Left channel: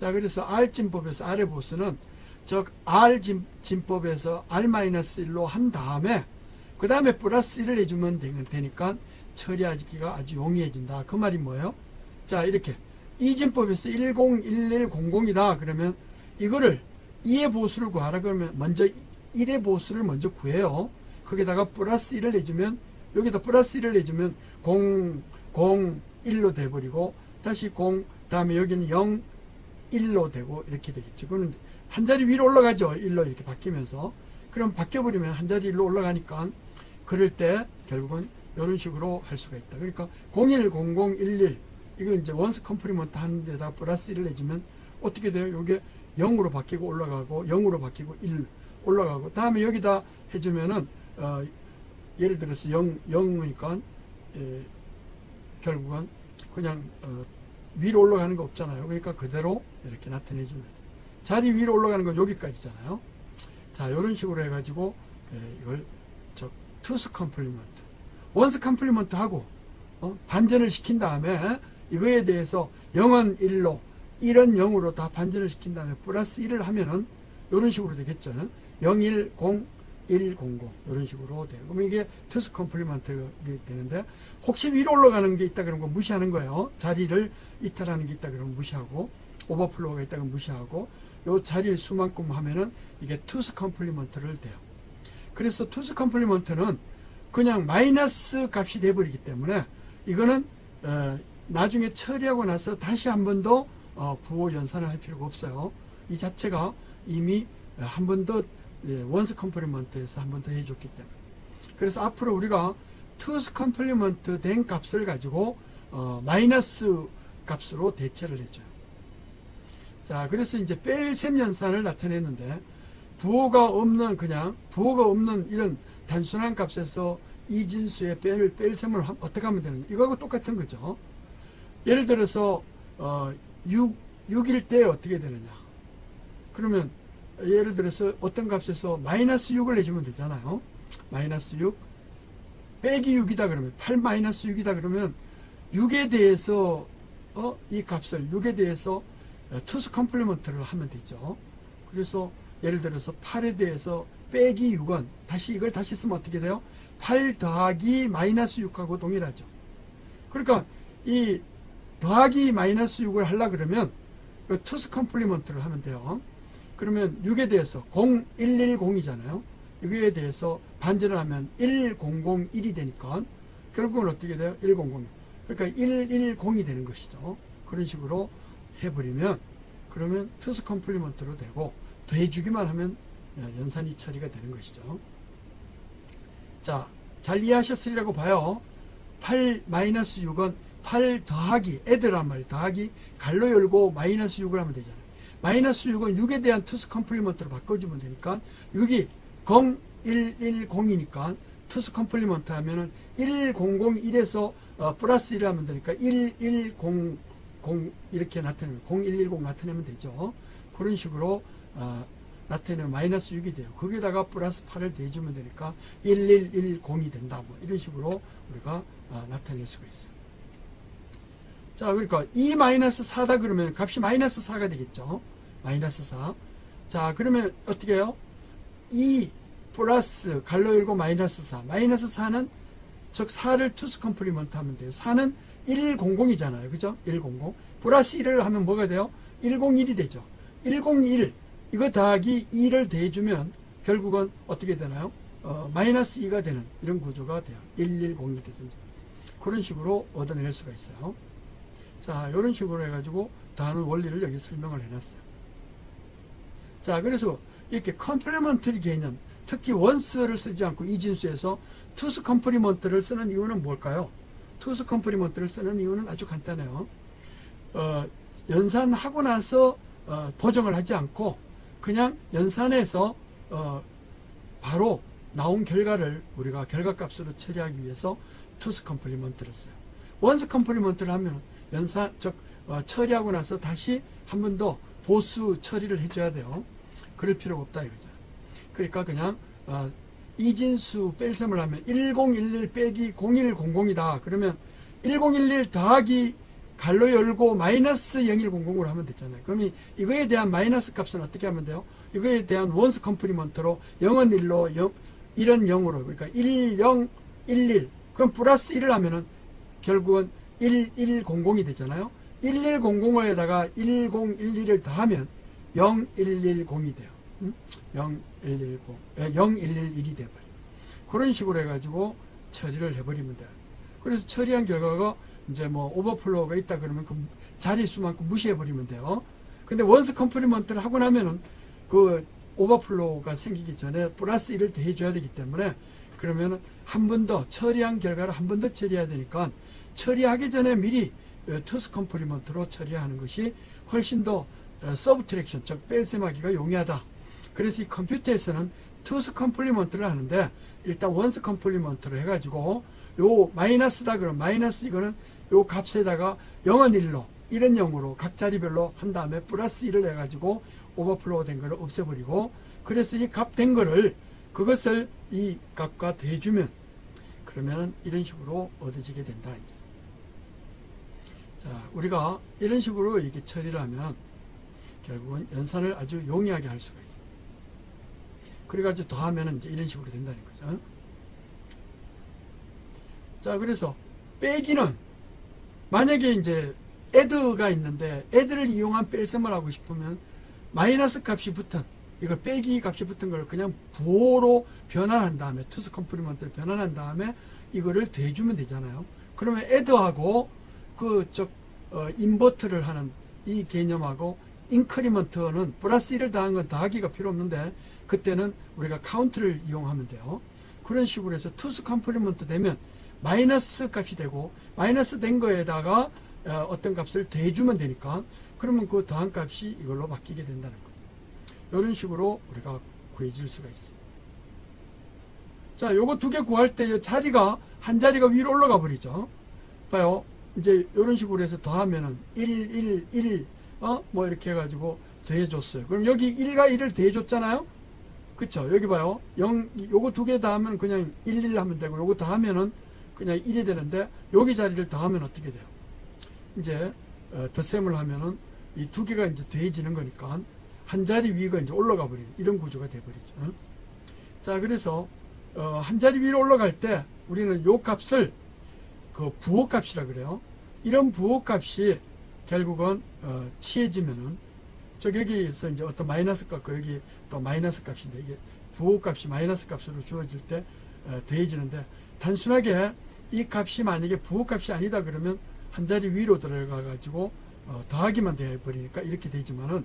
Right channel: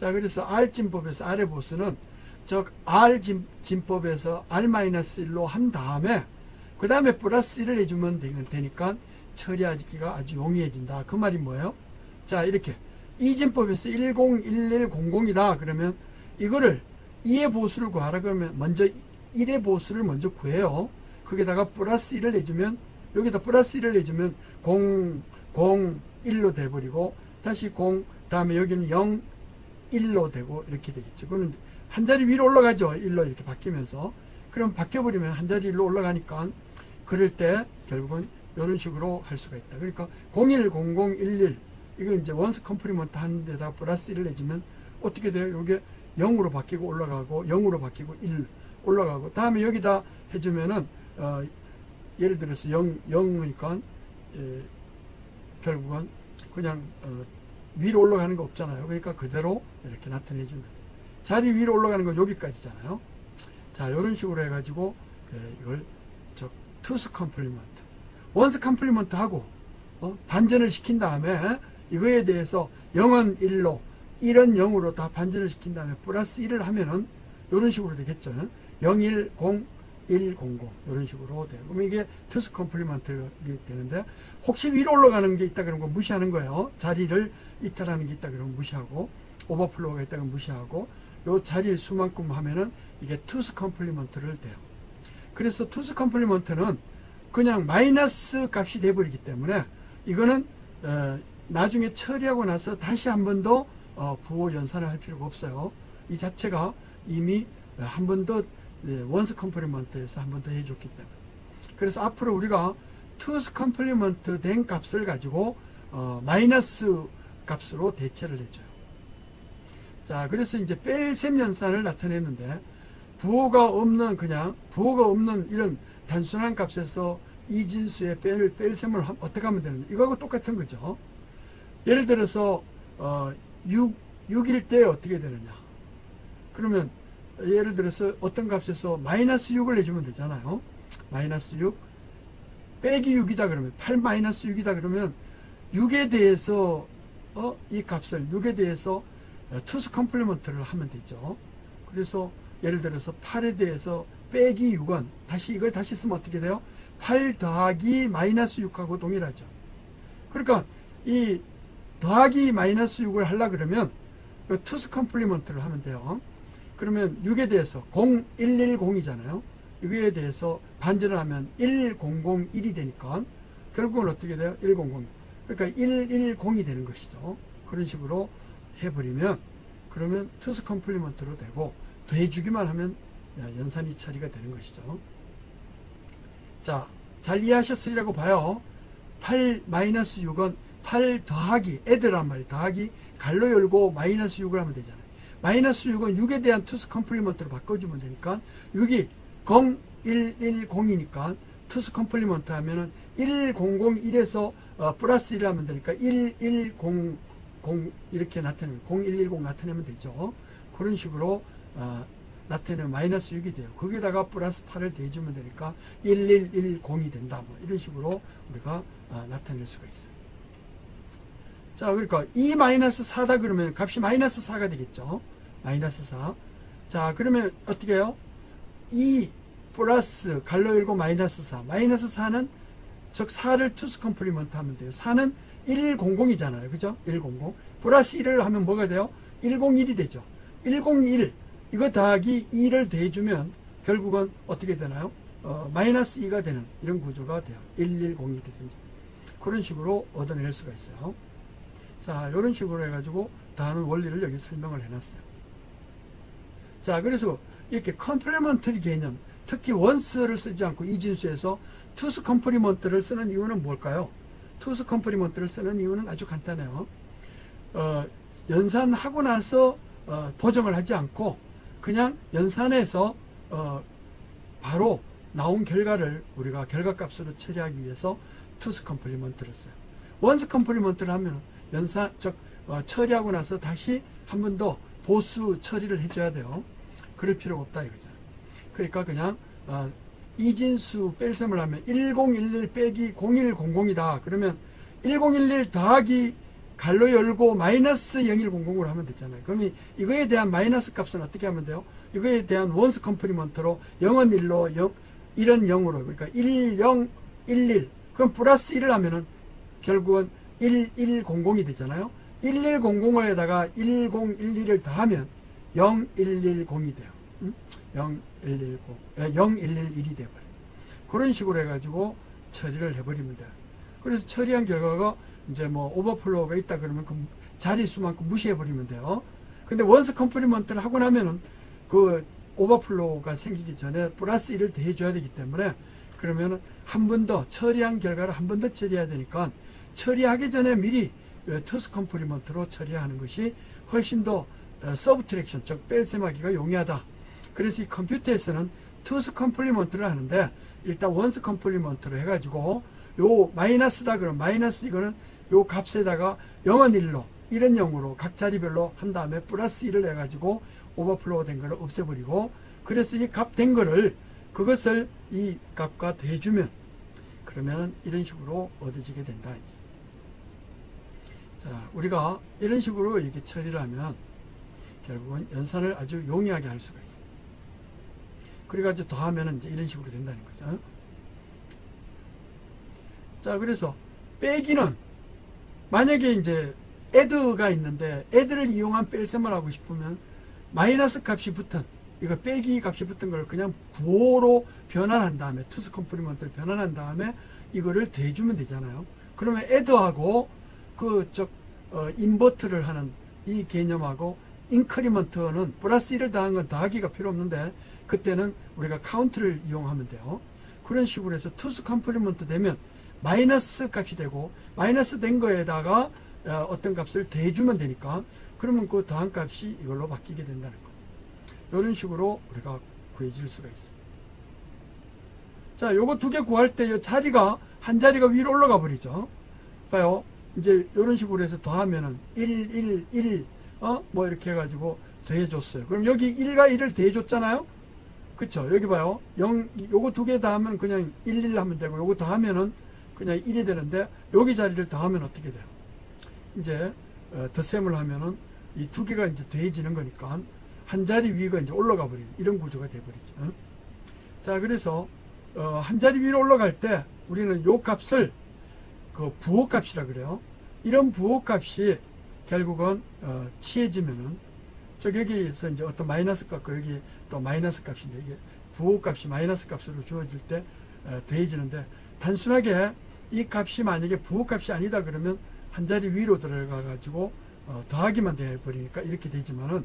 자, 그래서 R진법에서 R의 보수는 즉 R진법에서 R-1로 한 다음에 그 다음에 플러스 1을 해주면 되니까 처리하기가 아주 용이해진다. 그 말이 뭐예요? 자, 이렇게 이진법에서 101100이다. 그러면 이거를 2의 보수를 구하라 그러면 먼저 1의 보수를 먼저 구해요. 거기다가 플러스 1을 해주면 여기다 플러스 1을 해주면 0, 0, 1로 돼버리고 다시 0, 다음에 여기는 0, 1로 되고 이렇게 되겠죠. 그럼 한 자리 위로 올라가죠. 1로 이렇게 바뀌면서. 그럼 바뀌어버리면 한 자리 위로 올라가니까 그럴 때 결국은 이런 식으로 할 수가 있다. 그러니까 010011 이거 이제 원스 컴플리먼트 하는 데다 플러스 1을 해주면 어떻게 돼요? 이게 0으로 바뀌고 올라가고 0으로 바뀌고 1 올라가고 다음에 여기다 해주면은 예를 들어서 0이니까 결국은 그냥 위로 올라가는 거 없잖아요. 그러니까 그대로 이렇게 나타내주면 돼요. 자리 위로 올라가는 건 여기까지잖아요. 자, 이런 식으로 해가지고 이걸 투스 컴플리먼트, 원스 컴플리먼트 하고 반전을 시킨 다음에 이거에 대해서 0은 1로 1은 0으로 다 반전을 시킨 다음에 플러스 1을 하면은 이런 식으로 되겠죠. 0, 1, 0, 1, 0, 0 이런 식으로 돼요. 그러면 이게 투스 컴플리먼트가 되는데 혹시 위로 올라가는 게 있다 그런 거 무시하는 거예요. 자리를 이탈하는 게 있다 그러면 무시하고 오버플로우가 있다 그러면 무시하고 요 자리의 수만큼 하면은 이게 투스 컴플리먼트를 돼요. 그래서 투스 컴플리먼트는 그냥 마이너스 값이 돼버리기 때문에 이거는 나중에 처리하고 나서 다시 한 번 더 부호 연산을 할 필요가 없어요. 이 자체가 이미 한 번 더 원스 컴플리먼트에서 한 번 더 해줬기 때문에. 그래서 앞으로 우리가 투스 컴플리먼트 된 값을 가지고 마이너스 값으로 대체를 해줘요. 자, 그래서 이제 뺄셈 연산을 나타냈는데 부호가 없는 이런 단순한 값에서 이진수의 뺄셈을 어떻게 하면 되느냐. 이거하고 똑같은 거죠. 예를 들어서 6일 때 어떻게 되느냐. 그러면 예를 들어서 어떤 값에서 마이너스 6을 내주면 되잖아요. 마이너스 6 빼기 6이다 그러면 8 마이너스 6이다 그러면 6에 대해서 이 값을 6에 대해서 투스 컴플리먼트를 하면 되죠. 그래서 예를 들어서 8에 대해서 빼기 6은 이걸 다시 쓰면 어떻게 돼요? 8 더하기 마이너스 6하고 동일하죠. 그러니까 이 더하기 마이너스 6을 하려고 그러면 투스 컴플리먼트를 하면 돼요. 그러면 6에 대해서 0110이잖아요. 6에 대해서 반전을 하면 1001이 되니까 결국은 어떻게 돼요? 100. 그러니까 110이 되는 것이죠. 그런 식으로 해버리면 그러면 투스 컴플리먼트로 되고 더해주기만 하면 연산이 처리가 되는 것이죠. 자, 잘 이해하셨으리라고 봐요. 8-6은 8 더하기 애들란 말이에요. 더하기 갈로 열고 마이너스 6을 하면 되잖아요. 마이너스 6은 6에 대한 투스 컴플리먼트로 바꿔주면 되니까 6이 0110이니까 투스 컴플리먼트 하면은 1001에서 플러스 1을 하면 되니까 1100 이렇게 나타내면 0110 나타내면 되죠. 그런 식으로 나타내면 마이너스 6이 돼요. 거기다가 플러스 8을 더해주면 되니까 1110이 된다. 뭐 이런 식으로 우리가 나타낼 수가 있어요. 자, 그러니까 2 마이너스 4다 그러면 값이 마이너스 4가 되겠죠. 마이너스 4. 자, 그러면 어떻게 해요? 2 플러스 갈로 열고 마이너스 4. 마이너스 4는 즉 4를 투스 컴플리먼트 하면 돼요. 4는 100이잖아요. 그죠? 100. 플러스 1을 하면 뭐가 돼요? 101이 되죠. 101. 이거 더하기 2를 더해주면 결국은 어떻게 되나요? 마이너스 2가 되는 이런 구조가 돼요. 110이 되든지. 그런 식으로 얻어낼 수가 있어요. 자, 이런 식으로 해가지고 더하는 원리를 여기 설명을 해놨어요. 자, 그래서 이렇게 컴플리먼터리 개념, 특히 원스를 쓰지 않고 이진수에서 투스 컴플리먼트를 쓰는 이유는 뭘까요? 투스 컴플리먼트를 쓰는 이유는 아주 간단해요. 연산하고 나서 보정을 하지 않고 그냥 연산해서 바로 나온 결과를 우리가 결과값으로 처리하기 위해서 투스 컴플리먼트를 써요. 원스 컴플리먼트를 하면 처리하고 나서 다시 한 번 더 보수 처리를 해줘야 돼요. 그럴 필요가 없다 이거죠. 그러니까 그냥 이진수 뺄셈을 하면 1011 빼기 0100이다. 그러면 1011 더하기 갈로 열고 마이너스 0100으로 하면 되잖아요. 그럼 이거에 대한 마이너스 값은 어떻게 하면 돼요? 이거에 대한 원스 컴플리먼트로 0은 1로 1은 0으로 그러니까 10, 11 그럼 플러스 1을 하면은 결국은 1100이 되잖아요. 1100에다가 1011을 더하면 0110이 돼요. 0111이 돼버려요. 그런 식으로 해가지고 처리를 해버리면 돼요. 그래서 처리한 결과가 이제 뭐 오버플로우가 있다 그러면 그 자릿수만큼 무시해버리면 돼요. 근데 원스 컴플리먼트를 하고 나면은 그 오버플로우가 생기기 전에 플러스 1을 더해줘야 되기 때문에 그러면은 한 번 더 처리한 결과를 한 번 더 처리해야 되니까 처리하기 전에 미리 투스 컴플리먼트로 처리하는 것이 훨씬 더 서브트랙션 즉 뺄셈하기가 용이하다. 그래서 이 컴퓨터에서는 투스 컴플리먼트를 하는데 일단 원스 컴플리먼트로 해가지고 요 마이너스다 그러면 마이너스 이거는 요 값에다가 0은 1로 1은 0으로 각 자리별로 한 다음에 플러스 1을 해가지고 오버플로우 된 걸 없애버리고 그래서 이 값 된 거를 그것을 이 값과 더해주면 그러면 이런 식으로 얻어지게 된다. 이제. 자, 우리가 이런 식으로 이렇게 처리를 하면 결국은 연산을 아주 용이하게 할 수가 있어요. 그래가지고 더하면 이제 이런 식으로 된다는 거죠. 자, 그래서 빼기는 만약에 이제 add가 있는데 add를 이용한 뺄셈을 하고 싶으면 마이너스 값이 붙은 이거 빼기 값이 붙은 걸 그냥 부호로 변환한 다음에 투스 컴플리먼트를 변환한 다음에 이거를 더해주면 되잖아요. 그러면 add하고 인버트를 하는 이 개념하고 인크리먼트는 플러스 1을 더한 건 더하기가 필요 없는데 그때는 우리가 카운트를 이용하면 돼요. 그런 식으로 해서 투스 컴플리먼트 되면 마이너스 값이 되고 마이너스 된 거에다가 어떤 값을 더해주면 되니까 그러면 그 더한 값이 이걸로 바뀌게 된다는 거. 이런 식으로 우리가 구해질 수가 있어요. 자, 요거 두 개 구할 때 이 자리가 한 자리가 위로 올라가 버리죠. 봐요. 이제 이런 식으로 해서 더하면은 1 뭐 이렇게 해가지고 더해줬어요. 그럼 여기 1과 1을 더해줬잖아요. 그쵸? 여기 봐요. 요거 두 개 더하면 그냥 1 하면 되고 요거 더하면은 그냥 1이 되는데 여기 자리를 더하면 어떻게 돼요? 이제 덧셈을 하면은 이 두 개가 이제 더해지는 거니까 한 자리 위가 이제 올라가 버리는 이런 구조가 되어버리죠. 자, 그래서 한 자리 위로 올라갈 때 우리는 요 값을 그 부호값이라 그래요. 이런 부호값이 결국은 취해지면은 여기에서 이제 어떤 마이너스 값과 여기 또 마이너스 값인데 이게 부호값이 마이너스 값으로 주어질 때 더해지는데 단순하게 이 값이 만약에 부호값이 아니다 그러면 한 자리 위로 들어가 가지고 더하기만 되어버리니까 이렇게 되지만은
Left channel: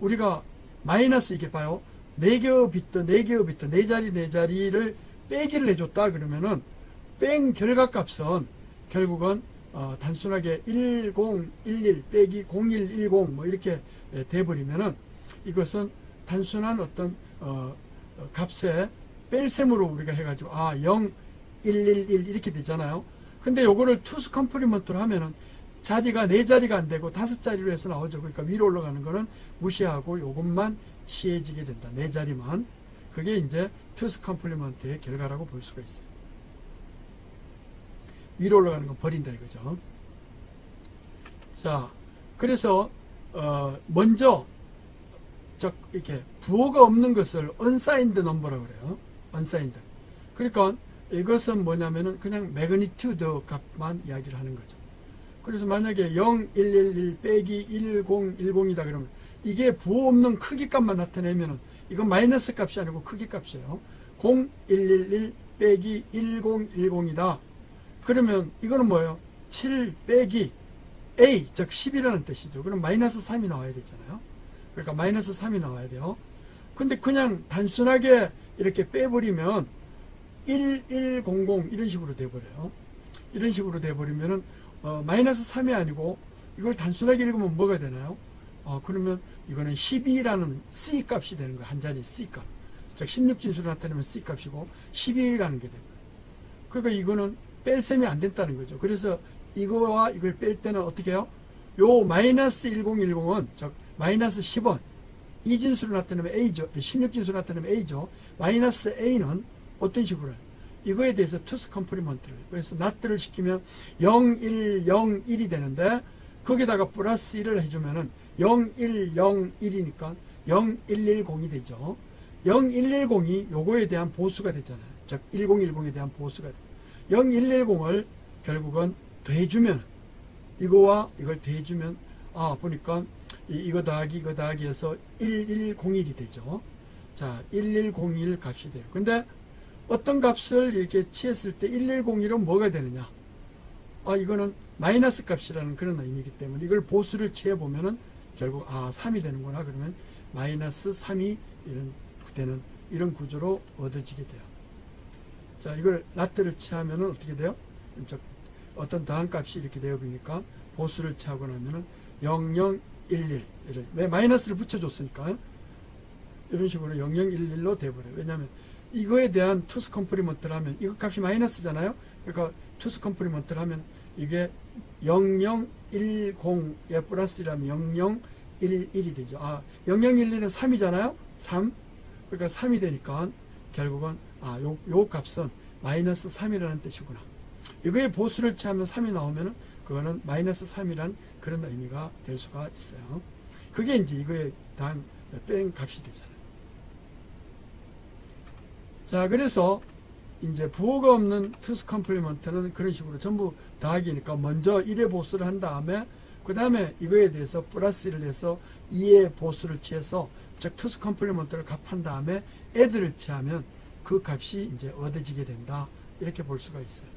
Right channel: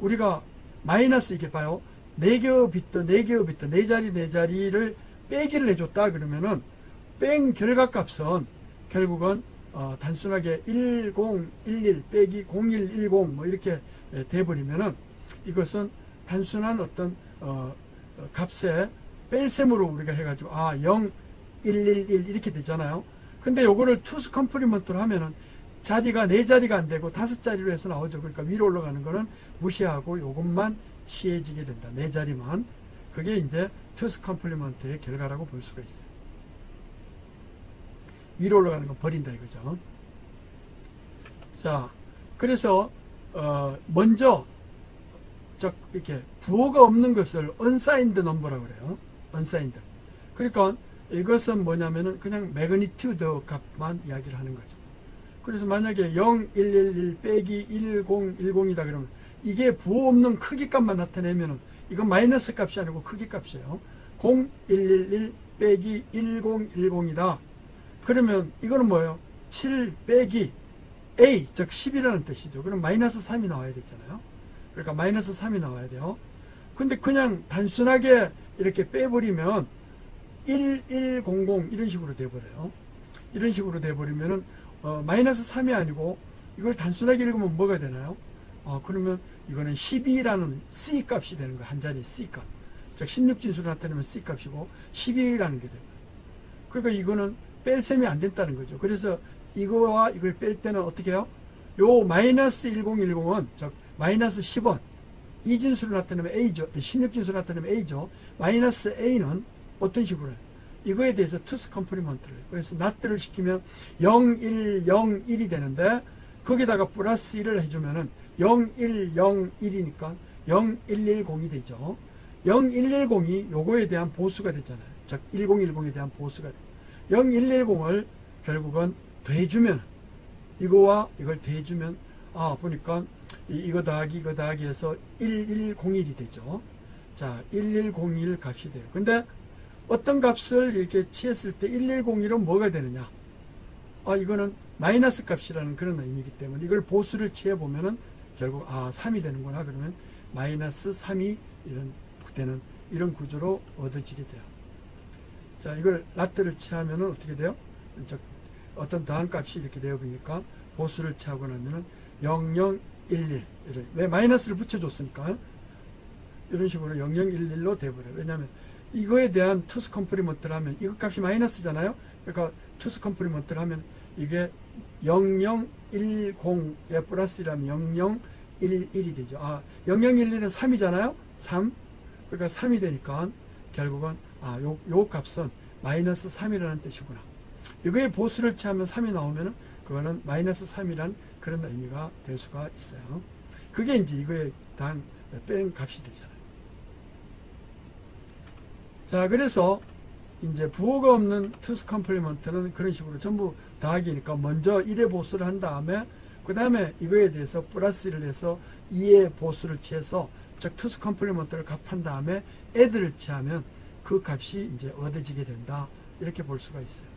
우리가 마이너스 이렇게 봐요. 4개의 비트 4개의 비트 4자리를 빼기를 해줬다 그러면은 뺀 결과값은 결국은 단순하게 1011 빼기 0110 뭐 이렇게 돼버리면은 이것은 단순한 어떤 값의 뺄셈으로 우리가 해가지고 0111 이렇게 되잖아요. 근데 요거를 투스 컴플리먼트로 하면은 자리가 4자리가 안 되고 5자리로 해서 나오죠. 그러니까 위로 올라가는 거는 무시하고 요것만 취해지게 된다. 4자리만. 그게 이제 투스 컴플리먼트의 결과라고 볼 수가 있어요. 위로 올라가는 거 버린다 이거죠. 자, 그래서 먼저 이렇게 부호가 없는 것을 unsigned number라고 그래요. unsigned. 그러니까 이것은 뭐냐면은 그냥 매그니튜드 값만 이야기를 하는 거죠. 그래서 만약에 0111 빼기 1010이다 그러면 이게 부호 없는 크기 값만 나타내면은 이건 마이너스 값이 아니고 크기 값이에요. 0111 빼기 1010이다. 그러면 이거는 뭐예요? 7 빼기 A, 즉 10이라는 뜻이죠. 그럼 마이너스 3이 나와야 되잖아요. 그러니까 마이너스 3이 나와야 돼요. 근데 그냥 단순하게 이렇게 빼버리면 1100 이런 식으로 돼버려요. 이런 식으로 돼버리면은 마이너스 3이 아니고 이걸 단순하게 읽으면 뭐가 되나요? 그러면 이거는 12라는 C 값이 되는 거예요. 한 자리 C 값. 즉 16진수를 나타내면 C 값이고 12라는 게 됩니다. 그러니까 이거는 뺄셈이 안 된다는 거죠. 그래서 이거와 이걸 뺄 때는 어떻게 해요? 요 마이너스 1010은 즉 마이너스 10원 이 진수를 나타내면 A죠. 16진수를 나타내면 A죠. 마이너스 A는 어떤 식으로 이거에 대해서 투스 컴플리먼트를 그래서 not를 시키면 0, 1, 0, 1이 되는데 거기다가 플러스 1을 해주면은 0101이니까 0110이 되죠. 0110이 요거에 대한 보수가 됐잖아요. 즉 1010에 대한 보수가 돼요. 0110을 결국은 더해주면, 이거와 이걸 더해주면 보니까 이거 더하기 이거 더하기 해서 1101이 되죠. 자, 1101 값이 돼요. 근데 어떤 값을 이렇게 취했을 때 1101은 뭐가 되느냐? 이거는 마이너스 값이라는 그런 의미이기 때문에 이걸 보수를 취해보면은 결국 3이 되는구나. 그러면 마이너스 3이 되는 이런 구조로 얻어지게 돼요. 자, 이걸 라트를 취하면은 어떻게 돼요? 어떤 더한 값이 이렇게 되어보니까 보수를 취하고 나면은 0011. 왜 마이너스를 붙여줬으니까 이런 식으로 0011로 돼버려요. 왜냐하면 이거에 대한 투스 컴플리먼트를 하면 이거 값이 마이너스잖아요. 그러니까 투스 컴플리먼트를 하면 이게 0010에 플러스 1하면 0011이 되죠. 0011은 3이잖아요. 3. 그러니까 3이 되니까 결국은 요 값은 마이너스 3이라는 뜻이구나. 이거에 보수를 취하면 3이 나오면은 그거는 마이너스 3이란 그런 의미가 될 수가 있어요. 그게 이제 이거에 대한 뺀 값이 되잖아요. 자, 그래서 이제 부호가 없는 투스 컴플리먼트는 그런 식으로 전부 더하기니까 먼저 1의 보수를 한 다음에 그 다음에 이거에 대해서 플러스 1을 해서 2의 보수를 취해서 즉 투스 컴플리먼트를 값한 다음에 애들을 취하면 그 값이 이제 얻어지게 된다. 이렇게 볼 수가 있어요.